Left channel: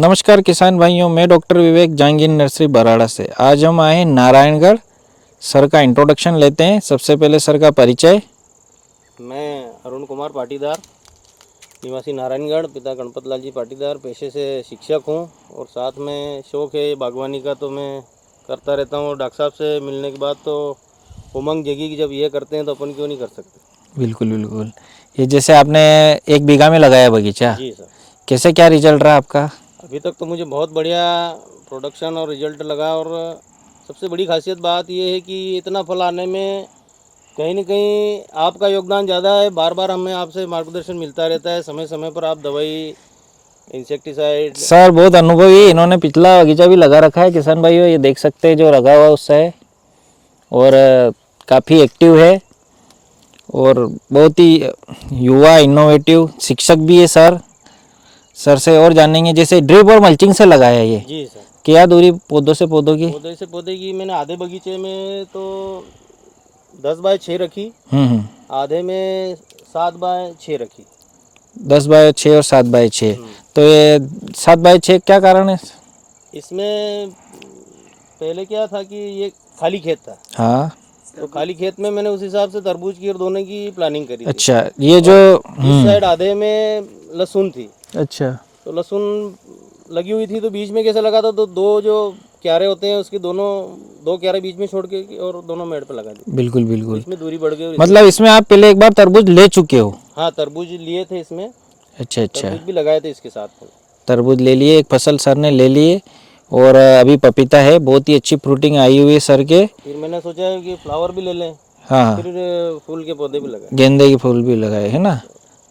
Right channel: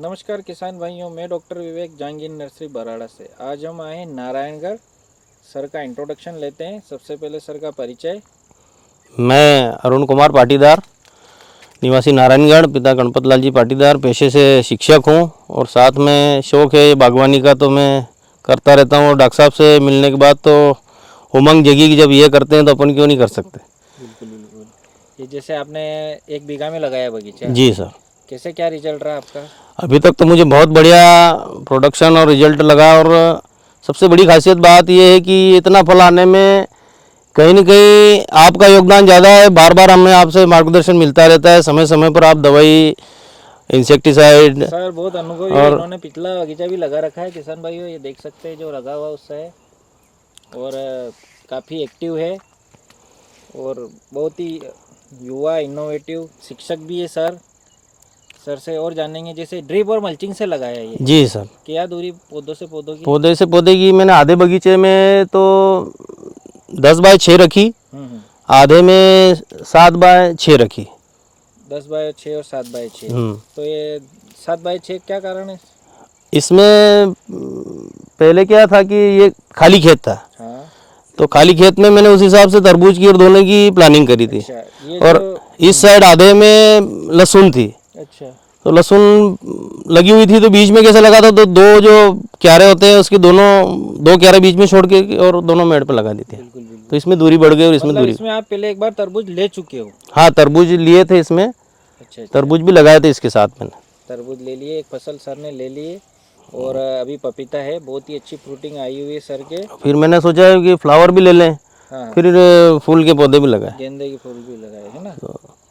नमस्कार किसान भाइयों, मैं डॉक्टर विवेक जहांगीर नर्सरी बराड़ा से। आज हम आए हैं नारायणगढ़। सर का इंट्रोडक्शन लेते हैं। सबसे पहले सर का परिचय। मैं अरुण कुमार पाटीदार, निवासी नारायणगढ़, पिता गणपत लाल जी पाटीदार, पेशे से शिक्षक हूँ और साथ में शौक़ है बागवानी का, तो मैं करता रहता हूँ। और डॉक्टर साहब से मिलने के बाद तो उमंग जगी कि जब ये करते हैं तो अपन क्यों नहीं कर सकते। बिल्कुल बिल्कुल। ये जैसे आपने 1 बीघा में लगाया बगीचा। जी सर। कैसे क्या रिजल्ट रहा आपका? अभी तक तो मुझे बहुत बढ़िया प्रोडक्शन और रिजल्ट लगा। और सबसे बड़ी खासियत बात यह है कि इतना फल आने में कहीं न कहीं आपका योगदान ज़्यादा है। बार बार हमें आपसे मार्गदर्शन मिलता रहता है, समय समय पर आप दवाई, इंसेक्टिसाइड। सर बहुत अनुभवी है, इन्होंने पिछला बगीचा भी लगा रखा है किसान भाइयों। ये देख सकते हैं जो लगा हुआ उससे है, और काफ़ी एक्टिव है और बहुत ही युवा इनोवेटिव शिक्षक भी है सर। सर से और जानेंगे, जैसे ड्रिप और मल्चिंग से लगाया ये। जी सर। क्या दूरी पौधों से पौधों की? पौधे से पौधे की मैंने आधे बगीचे में तो 10 बाय 6 रखी, आधे में 7 बाय 6 रखी। 10 बाय 6 और 7 बाय 6। तो ये 7 बाय 6 क्या कारण है? इसमें पहले क्या था कि ये खाली खेत था। हाँ, तो खाली खेत में मैंने उस हिसाब से तरबूज की और दोने की प्लानिंग करी थी। अच्छा। ये जो इस साइड आधे में लहसुन थी। अच्छा, तो लहसुन लगी हुई थी, तो बीच में कैसे लगा था, तो 2 जो क्यारे होते हैं उसके दोनों 2 क्यारे बीच में छोड़ के और दोनों मेड़ पे लगा दी थी। बिल्कुल तो बिल्कुल। इसमें दूरी बढ़ गई। और मतलब इसमें आप पहले एक बार तरबूज ले चुके हो? हाँ, तरबूज लिए थे इसमें। अच्छा अच्छा। तरबूज भी लगाए थे इसके साथ मैंने। तरबूज ले लिए, एक फसल सर ने ले लिए, और अभी पपीता है। बहुत ही अच्छी फ्रूटिंग आई हुई है सर के। फिर मैंने सोचा कि फ्लावर भी ले लें। हाँ, फिर फूल के पौधे भी लगाए, गेंदे के फूल भी लगाए है ना।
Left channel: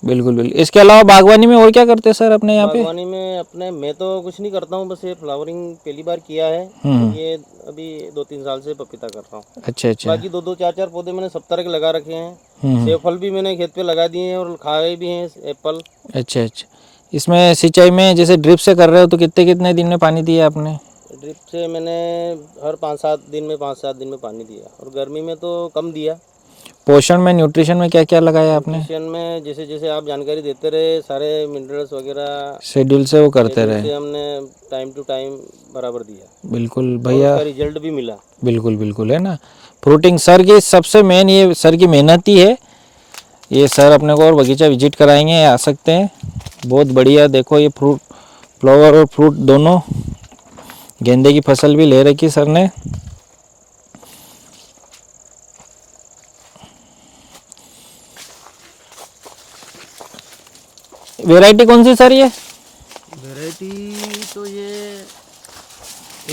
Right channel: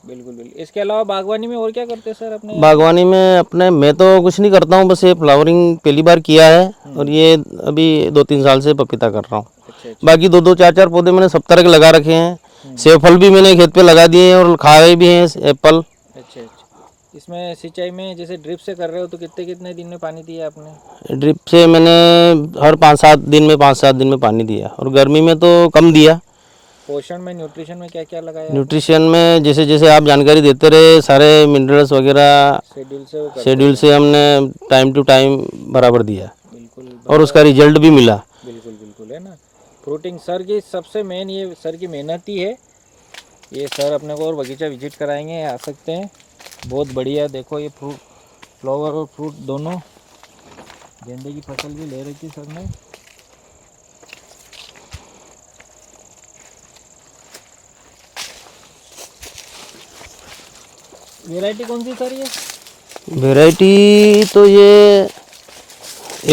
बिल्कुल बिल्कुल। इसके अलावा बागवानी में और क्या करते हैं सर अपने यहाँ पे? बागवानी में अपने मैं तो कुछ नहीं करता हूँ, बस ये फ्लावरिंग पहली बार किया है। और ये अभी 2-3 साल से पपीता कर रहा हूँ। अच्छा अच्छा। बाकी 2-2, 4-4 पौधे मैंने सब तरह के लगा रखे हैं। सेब फल भी मैंने खेत पे लगा दिए हैं और खाए भी हैं एप्पल। अच्छा अच्छा। इसमें सिंचाई में जैसे ड्रिप से कर रहे हो तो कितने कितने दिन में पानी दिया आपने? ड्रिप से मैंने हर 5-7 दिन में 5-7 दिन में पानी दिया, और गर्मी में तो कम दिया। पोषण में, न्यूट्रिशन में क्या क्या लगाया आपने? न्यूट्रिशन में जैसे जैसे आप जानकारी देते रहे, सारे मिनरल्स वगैरह शेड्यूल से वो करते शेड्यूल रहे। से हमने टाइम टू टाइम बराबर दिया। बिल्कुल और भैया। उसका रिजल्ट भी मिला। बिल्कुल बिल्कुल है ना। फ्रूटिंग सर की सबसे मेन ये सर की मेहनत ही है। ये सर अपने को और बगीचा विजिट कराएंगे, आ सकते हैं। बहुत बढ़िया। देखो ये फ्रूट, फ्लावर और फ्रूट दोनों। गेंदे की फसल भी ले रखी सर ने। वैरायटी कौन सी सर ये? वैरायटी तो ये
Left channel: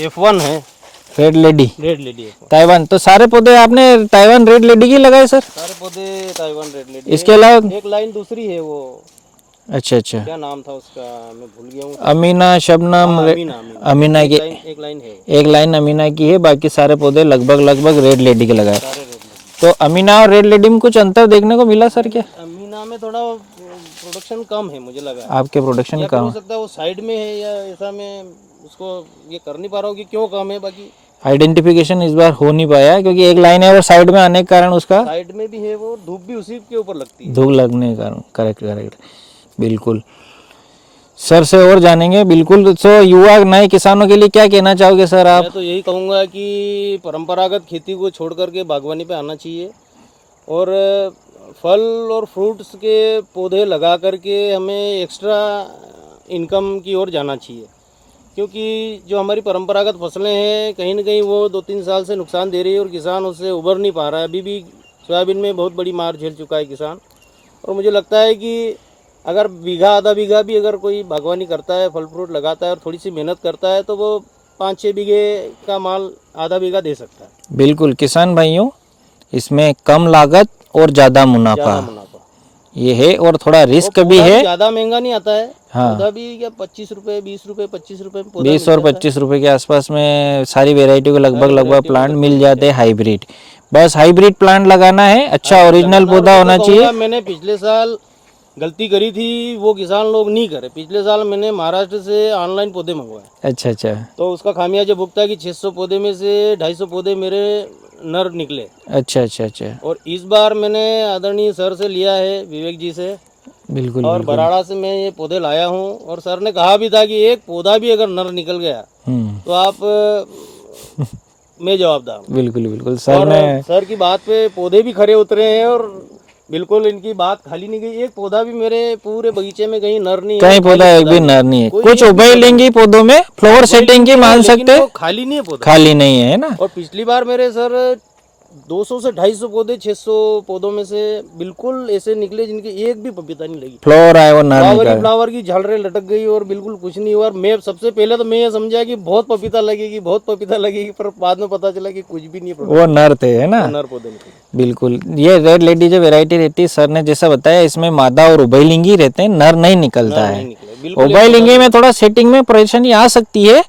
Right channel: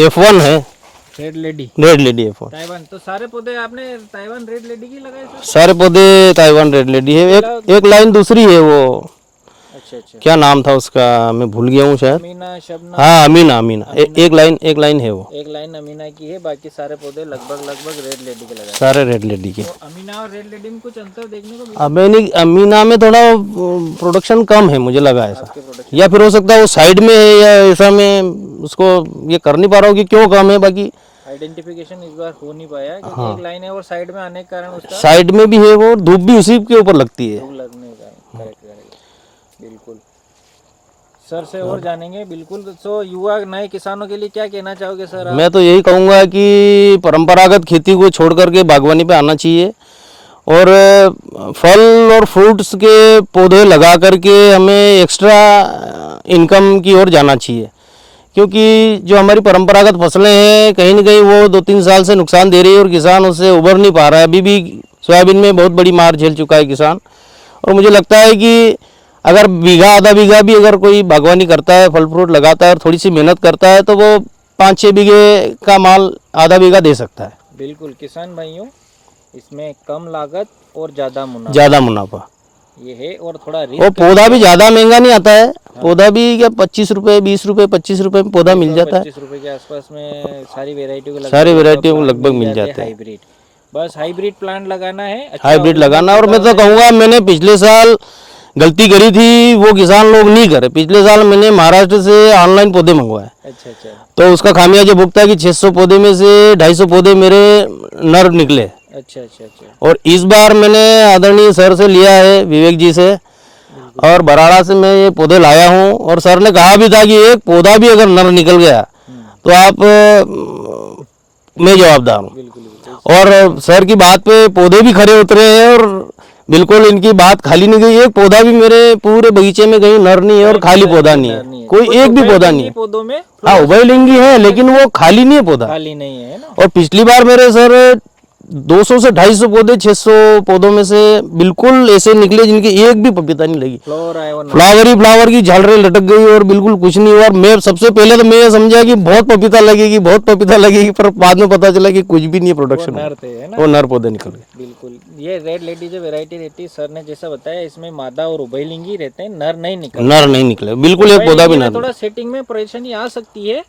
F1 है, red lady. Red lady F1। Taiwan. तो सारे पौधे आपने ताइवान रेड लेडी की लगाए सर? सारे पौधे ताइवान रेड लेडी। इसके अलावा एक लाइन दूसरी है, वो अच्छा अच्छा, क्या नाम था उसका, मैं भूल गया हूँ शायद। अमीना, शबनम। हाँ, अमीना। अमीना अमीना एक की- लाइन है वो। एक लाइन अमीना की है, बाकी सारे पौधे लगभग रेड लेडी के लगाए। सारे रेड लेडी के। तो अमीना और रेड लेडी में कुछ अंतर देखने को मिला सर? अमीना में थोड़ा प्रोडक्शन कम है मुझे लगा है। आपके प्रोडक्शन या फिर हो सकता है वो साइड में है, या ऐसा मैं उसको ये कर नहीं पा रहा हूँ कि क्यों कम है। बाकी आइडेंटिफिकेशन इस बार हो नहीं पाया, क्योंकि एक लाइन है और साइड में आने के कारण उसका साइड में भी है, वो धूप भी उसी के ऊपर लगती है। धूप लगने के कारण। करेक्ट करेक्ट, बिल्कुल। सर से और जानेंगे बिल्कुल। तो युवा नए किसानों के लिए क्या कहना चाहोगे सर आप? मैं तो यही कहूँगा कि परंपरागत खेती को छोड़ करके बागवानी पे आना चाहिए, और फल और फ्रूट्स के पौधे लगा करके हमें एक्स्ट्रा इनकम की ओर जाना चाहिए। क्योंकि जो हमारी परंपरागत फसलें हैं, कहीं ना कहीं वो 2-3 साल से नुकसान दे रही है और किसान उससे उबर नहीं पा रहा है। अभी भी सोयाबीन में बहुत बड़ी मार झेल चुका है किसान। और मुझे लगता है कि अगर बीघा आधा बीघा भी अगर कोई बागवानी करता है, फल फ्रूट लगाता है और थोड़ी सी मेहनत करता है, तो वो 5-6 बीघे का माल आधा बीघा दे सकता है। बिल्कुल किसान भाइयों, इसमें कम लागत और ज़्यादा मुनाफा ये है, और थोड़ा रिस्क भी पौधा है। भी ज़्यादा महंगा नहीं आता है। पौधा भी क्या 25 रुपए, 20 रुपए, 25 रुपए में पौधा मिल जाता है। 25 रुपए के आसपास में सारी वेरायटी को सारी लगभग वैरायटी प्लांट लगभग मिल मिल जाते हैं। जाते हैं। हाइब्रिड, बस हाइब्रिड प्लांट लगाना है। अच्छा हाइब्रिड ओरिजिनल लगाना। और पौधा मैं तो होना कहूँगा, चाहिए। मैंने पिछले साल गलती करी थी, वो किसान लोग नहीं करे। पिछले साल मैंने महाराष्ट्र से ऑनलाइन पौधे मंगवाए। अच्छा अच्छा। तो उसका खामियाजा भुगता है कि 600 पौधे में से 250 पौधे मेरे नर निकले। अच्छा अच्छा अच्छा। और इस बार मैंने आदरणीय सर से लिया है, विवेक जी से, बिल्कुल और बराड़ा से मैं ये पौधे लाया हूँ। और सर ने कहा भी था कि एक पौधा भी अगर नर निकल गया तो आप मैं जवाबदार हूँ। बिल्कुल बिल्कुल और सर की बात पे पौधे भी खरे उतरे हैं और बिल्कुल इनकी बात खाली नहीं गई। एक पौधा भी मेरे पूरे बगीचे में कहीं नर नहीं है, खाली पौधा नहीं है, कोई एक भी पौधा नहीं, पौधों में फ्लावर सेटिंग है, लेकिन वो खाली नहीं है पौधा, खाली नहीं है ना। और पिछली बार मेरे सर 200 से 250 पौधे 600 पौधों में से बिल्कुल ऐसे निकले जिनकी एक भी पपीता नहीं लगी। फ्लावर आया, फ्लावर की झालरें लटक गई और बिल्कुल कुछ नहीं हुआ। और मैं सबसे पहले तो मैं ये समझा कि बहुत पपीता लगेगी, बहुत पपीता लगेगी, पर बाद में पता चला कि कुछ भी नहीं है प्रोडक्ट। वो नर थे, है ना, वो नर पौधे निकल गए। बिल्कुल। ये रेड लेडी जो वैरायटी रहती है, सर ने जैसा बताया, इसमें मादा और उभयलिंगी रहते हैं, नर नहीं निकले। बिल्कुल उभयलिंगी में थोड़ा सेटिंग में परेशानी आ सकती है,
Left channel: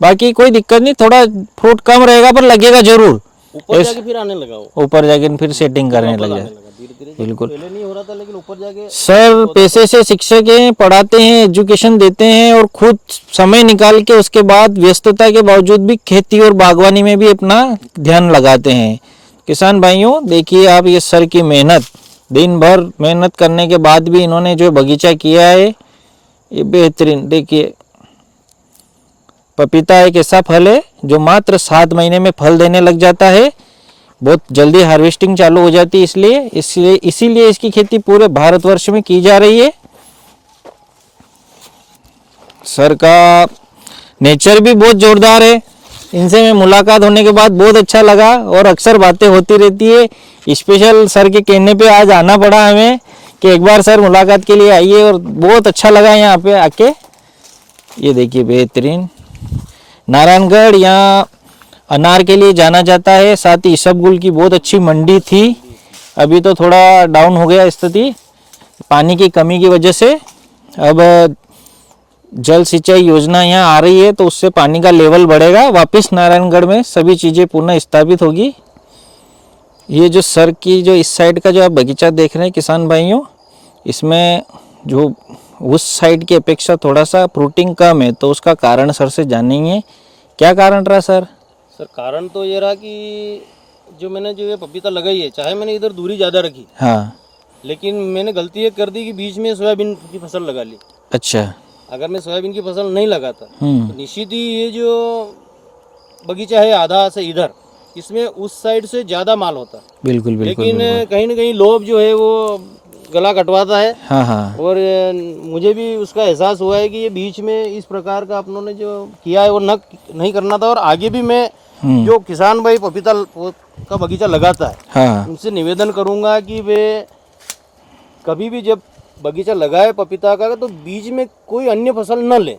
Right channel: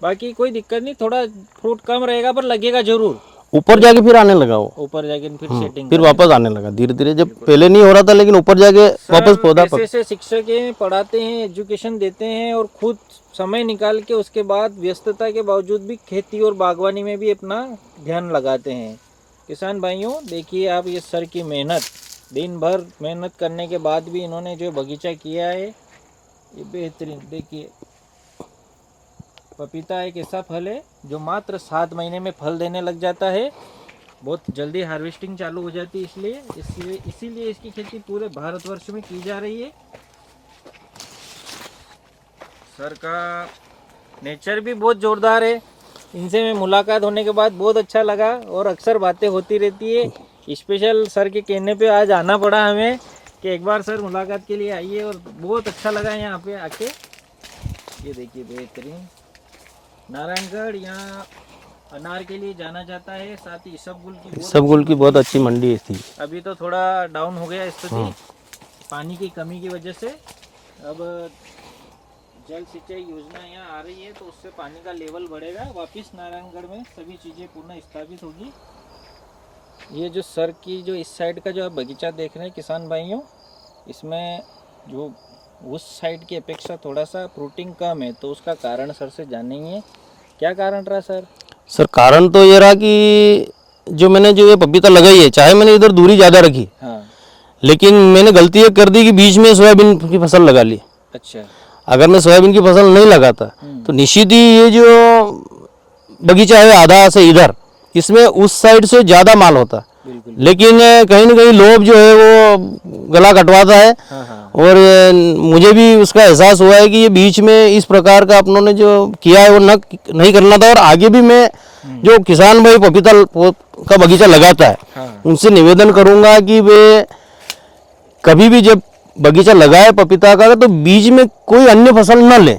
बाकी कोई दिक्कत नहीं, थोड़ा फ्रूट कम रहेगा पर लगेगा जरूर। ऊपर जाके फिर आने लगा, वो ऊपर जाके फिर सेटिंग फिर वापस आने लगा धीरे धीरे। जब पहले नहीं हो रहा था, लेकिन ऊपर जाके सर पैसे से शिक्षक हैं, पढ़ाते हैं, एजुकेशन देते हैं, और खुद समय निकाल के उसके बाद व्यस्तता के बावजूद भी खेती और बागवानी में भी अपना ध्यान लगाते हैं। किसान भाइयों, देखिए आप ये सर की मेहनत, दिन भर मेहनत करने के बाद भी इन्होंने जो बगीचा किया है ये बेहतरीन। देखिए पपीता एक ऐसा फल है जो मात्र 7 महीने में फल देने लग जाता है, बहुत जल्दी हार्वेस्टिंग चालू हो जाती है, इसीलिए इसकी खेती पूरे भारतवर्ष में की जा रही है। सर का नेचर भी बहुत जोरदार है, इनसे मैं मुलाकात होने के बाद बहुत अच्छा लगा और अक्सर बातें होती रहती है। स्पेशल सर के कहने पे आज आना पड़ा हमें कि एक बार सर मुलाकात के लिए आइए, और बहुत अच्छा लगा यहाँ पे आके। ये देखिए बेहतरीन नारायणगढ़ यहाँ अनार के लिए जाना जाता है, साथ ही इसबगुल की बहुत अच्छी मंडी थी। अभी तो थोड़ा डाउन हो गया स्थिति पानी की कमी की वजह से। अब जल सिंचाई योजना यहाँ आ रही है तो उससे पानी का लेवल बढ़ेगा, वापस नारायणगढ़ में सभी चीज़ें पुनः स्थापित होगी। ये जो सर की जो इस साइड का जो आप बगीचा देख रहे हैं किसान भाइयों, इसमें जो उस साइड की अपेक्षा थोड़ा सा फ्रूटिंग कम है, तो उसका कारण सर से जानेंगे क्या कारण रहा सर। सर कारण तो ये रहा कि जो मैंने जो ये पपीता लगाई है, चाहे मैंने इधर दूरी ज़्यादा रखी, हाँ, लेकिन मैंने गलती ये कर दी कि बीच में सोयाबीन की फसल लगा ली। अच्छा, अगर मैं सोयाबीन की फसल नहीं लगाता तो निश्चित ही ये जो बगीचा है आधा से इधर, इसमें उस साइड से ज़्यादा माल होता। बिल्कुल, लेकिन कहीं ना कहीं लोभ जो है वो गला कटवाता है। हाँ हाँ, और मुझे भी उसका एहसास हुआ है कि ये बीच में इस प्रकार का अपनों ने जो किया है वो नहीं करना था। और आगे भी मैं जो किसान भाई पपीता का बगीचा लगाता है, हाँ, उनसे निवेदन करूंगा कि वे कभी भी जब बगीचा लगाए पपीता का तो बीच में कोई अन्य फसल न ले,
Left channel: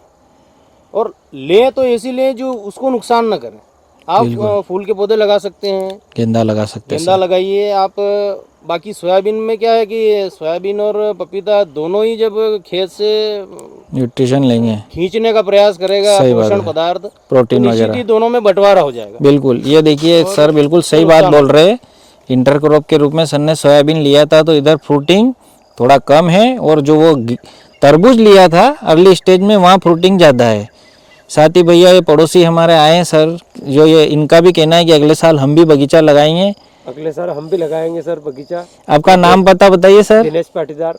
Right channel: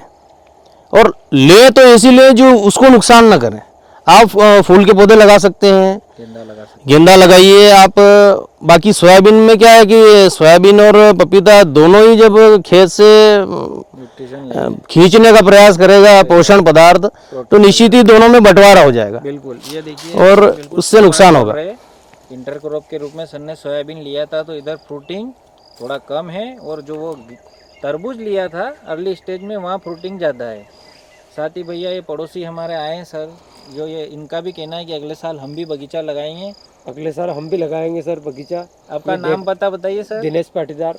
और ले तो ऐसी ले जो उसको नुकसान न करे। आप फूल के पौधे लगा सकते हैं, गेंदा लगा सकते, गेंदा लगाइए आप। बाकी सोयाबीन में क्या है कि सोयाबीन और पपीता दोनों ही जब खेत से न्यूट्रिशन लेंगे, खींचने का प्रयास करेगा पोषण पदार्थ, तो निश्चित ही दोनों में बंटवारा हो जाएगा। बिल्कुल, ये देखिए और सर बिल्कुल सही बात बोल रहे हैं। इंटरक्रॉप के रूप में सर ने सोयाबीन लिया था तो इधर फ्रूटिंग थोड़ा कम है, और जो वो तरबूज लिया था अर्ली स्टेज में वहाँ फ्रूटिंग ज़्यादा है। साथ ही भैया ये पड़ोसी हमारे आए हैं सर, जो ये इनका भी कहना है कि अगले साल हम भी बगीचा लगाएंगे। अगले साल हम भी लगाएंगे सर बगीचा। आपका नाम पता बताइए सर। दिनेश पाटीदार,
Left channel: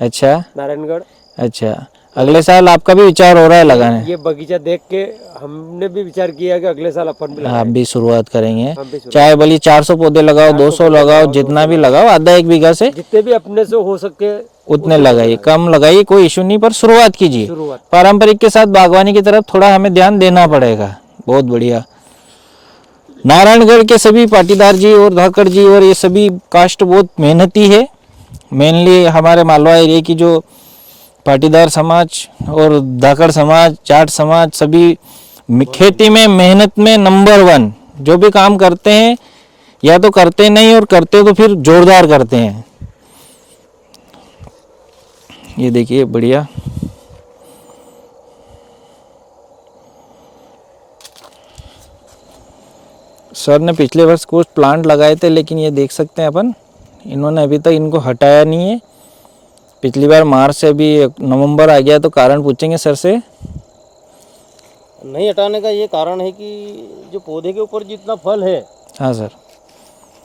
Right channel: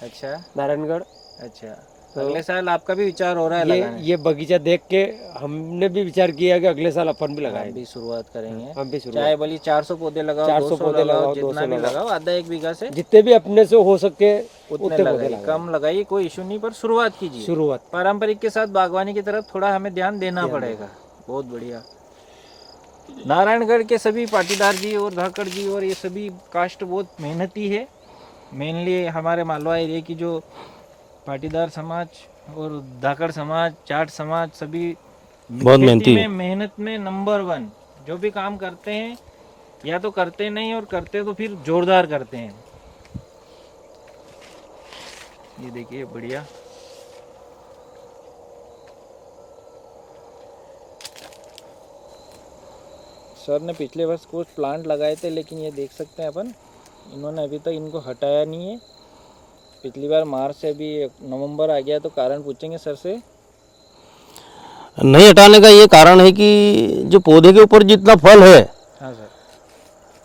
अच्छा, नारायणगढ़। अच्छा, अगले साल आपका भी विचार हो रहा है लगाने? ये बगीचा देख के हमने भी विचार किया कि अगले साल अपन भी लगाएंगे। आप भी शुरुआत करेंगे, हम भी शुरुआत। चाहे भली 400 पौधे लगाओ, 200 लगाओ, जितना भी लगाओ, आधा 1 बीघा से जितने भी अपने से हो सके उतने लगाइए, कम लगाइए, कोई इशू नहीं, पर शुरुआत कीजिए। शुरुआत पारंपरिक के साथ बागवानी की तरफ थोड़ा हमें ध्यान देना पड़ेगा। बहुत बढ़िया। नारायणगढ़ के सभी पाटीदार जी और धाकड़ जी और ये सभी कास्ट बहुत मेहनती है। मेनली हमारे मालवा एरिया की जो पाटीदार समाज और धाकड़ समाज, जाट समाज, सभी खेती में मेहनत में नंबर 1। जो भी काम करते हैं या तो करते नहीं, और करते तो फिर जोरदार करते हैं। ये देखिए बढ़िया। सर ने पिछले वर्ष कुछ प्लांट लगाए थे, लेकिन ये देख सकते हैं अपन, इन्होंने अभी तक इनको हटाया नहीं है। पिछली बार मार्च से अभी नवंबर आ गया, तो कारण पूछेंगे सर से। नहीं हटाने का ये कारण है कि जो पौधे के ऊपर जितना फल है, हाँ सर,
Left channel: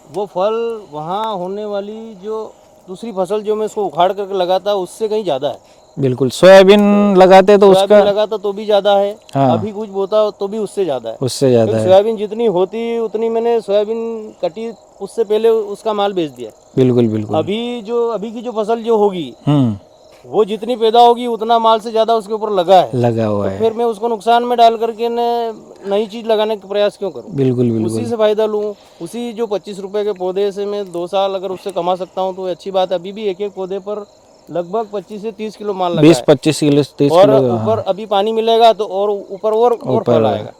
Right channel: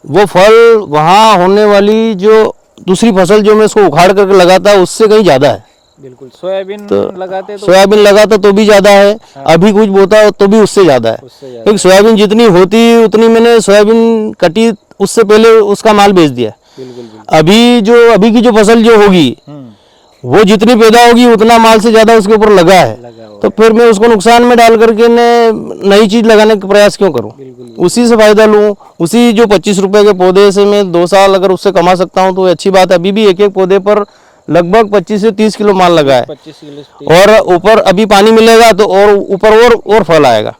वो फल वहाँ होने वाली जो दूसरी फसल जो मैं इसको उखाड़ करके लगाता उससे कहीं ज्यादा है। बिल्कुल। सोयाबीन लगाते तो सोयाबीन लगाता तो भी ज्यादा है, हाँ। अभी कुछ बोता तो भी उससे ज्यादा है। उससे ज्यादा लेकिन है। सोयाबीन जितनी होती उतनी मैंने सोयाबीन कटी उससे पहले उसका माल बेच दिया। बिल्कुल बिल्कुल। अभी की जो फसल जो होगी वो जितनी पैदा होगी उतना माल से ज्यादा उसके ऊपर लगा है। लगा हुआ तो है। फिर मैं उसको नुकसान में डाल करके नई चीज लगाने का प्रयास क्यों करूं? बिल्कुल बिल्कुल। उसी से फायदा लूं। उसी जो 25 रुपए के पौधे से मैं 2 साल अगर उससे कमा सकता हूं तो अच्छी बात है। अभी भी एक एक पौधे पर लगभग 25 से 30 किलो माल लगा है 25 किलो 30 और किलो। ऊपर अभी पानी मिलेगा तो और ऊपर और फल आएगा।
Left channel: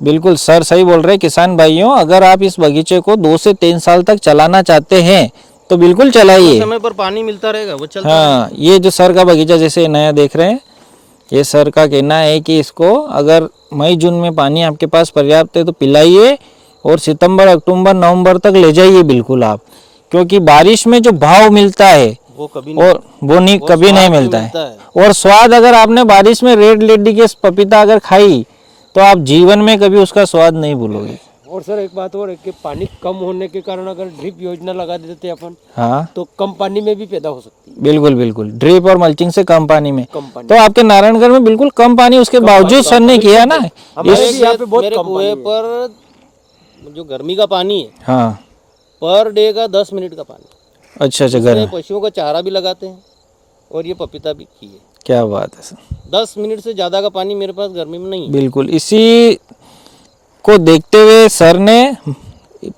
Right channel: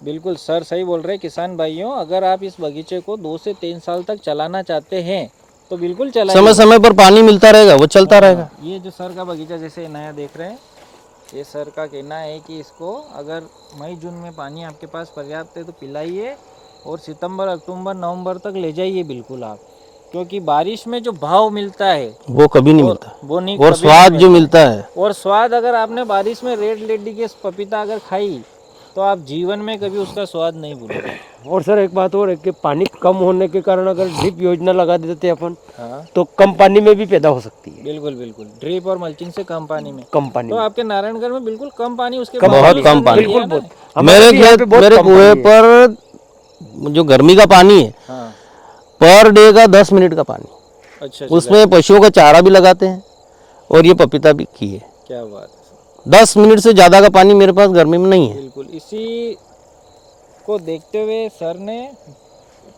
बिल्कुल सर सही बोल रहे हैं किसान भाइयों। अगर आप इस बगीचे को 2 से 3 साल तक चलाना चाहते हैं तो बिल्कुल समय चलाइए। समय पर पानी मिलता रहेगा, वो चलता रहेगा। हाँ, ये जो सर का बगीचा जैसे नया देख रहे हैं, ये सर का कहना है कि इसको अगर मई जून में पानी आपके पास पर्याप्त है तो पिलाइए और सितंबर अक्टूबर नवंबर तक ले जाइए बिल्कुल आप, क्योंकि बारिश में जो भाव मिलता है वो कभी नहीं मिलता। वो नहीं और कभी स्वाद नहीं जो मिलता है। मिलता और स्वाद अगर आपने बारिश में रेड लेडी के पपीता अगर खाई तो आप जीवन में कभी उसका स्वाद नहीं भूलोगे। और सर एक बात और है कि पानी कम होने के कारण अगर ड्रिप योजना लगा देते अपन हाँ तो कम पानी में भी पैदा हो सकती है। बिल्कुल बिल्कुल। ड्रिप और मल्चिंग से कम पानी में। कम पानी तो आपके नारायणगढ़ में बिल्कुल कम पानी उसके बावजूद सर ने किया ना। हमारे भी यहाँ पे बहुत मेरे कम कुएं पानी है। पर जो गर्मी का पानी है हाँ पर डे का 10 मिनट का पानी, अच्छा अच्छा। उसमें पशुओं का चारा भी लगाते हैं और ये पपीता भी की है। क्या बात है सर। 10 मिनट से ज्यादा का पानी मेरे पास गर्मी में नहीं है। बिल्कुल। इसी को देखते हुए सर ने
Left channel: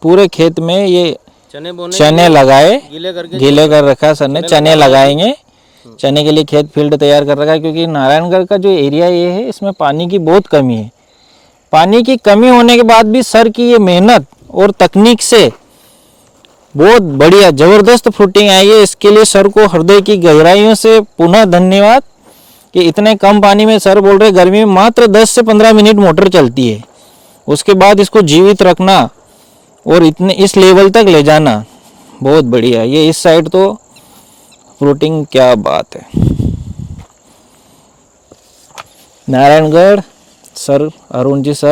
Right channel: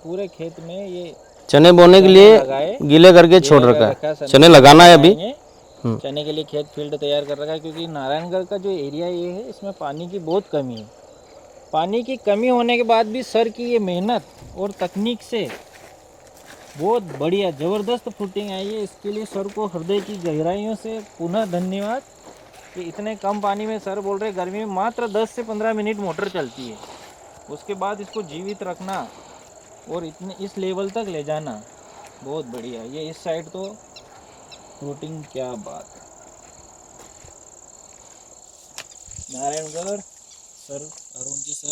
पूरे खेत में ये चने बोने के चने लिए लगाए, गीले करके गीले छोड़ कर रखा सर ने। चने चने लगाना है अभी। लगाएंगे। चने के लिए खेत फील्ड तैयार कर रखा है, क्योंकि नारायणगढ़ का जो एरिया ये है इसमें पानी की बहुत कमी है। पानी की कमी होने के बाद भी सर की ये मेहनत और तकनीक से बहुत बढ़िया जबरदस्त फ्रूटिंग आई है। इसके लिए सर को हृदय की गहराइयों से पुनः धन्यवाद कि इतने कम पानी में सर बोल रहे गर्मी में मात्र 10 से 15 मिनट मोटर चलती है, उसके बाद इसको जीवित रखना और इतने इस लेवल तक ले जाना बहुत बढ़िया। ये इस साइड तो फ्रूटिंग क्या बात है। Narayangarh sir Arun ji sir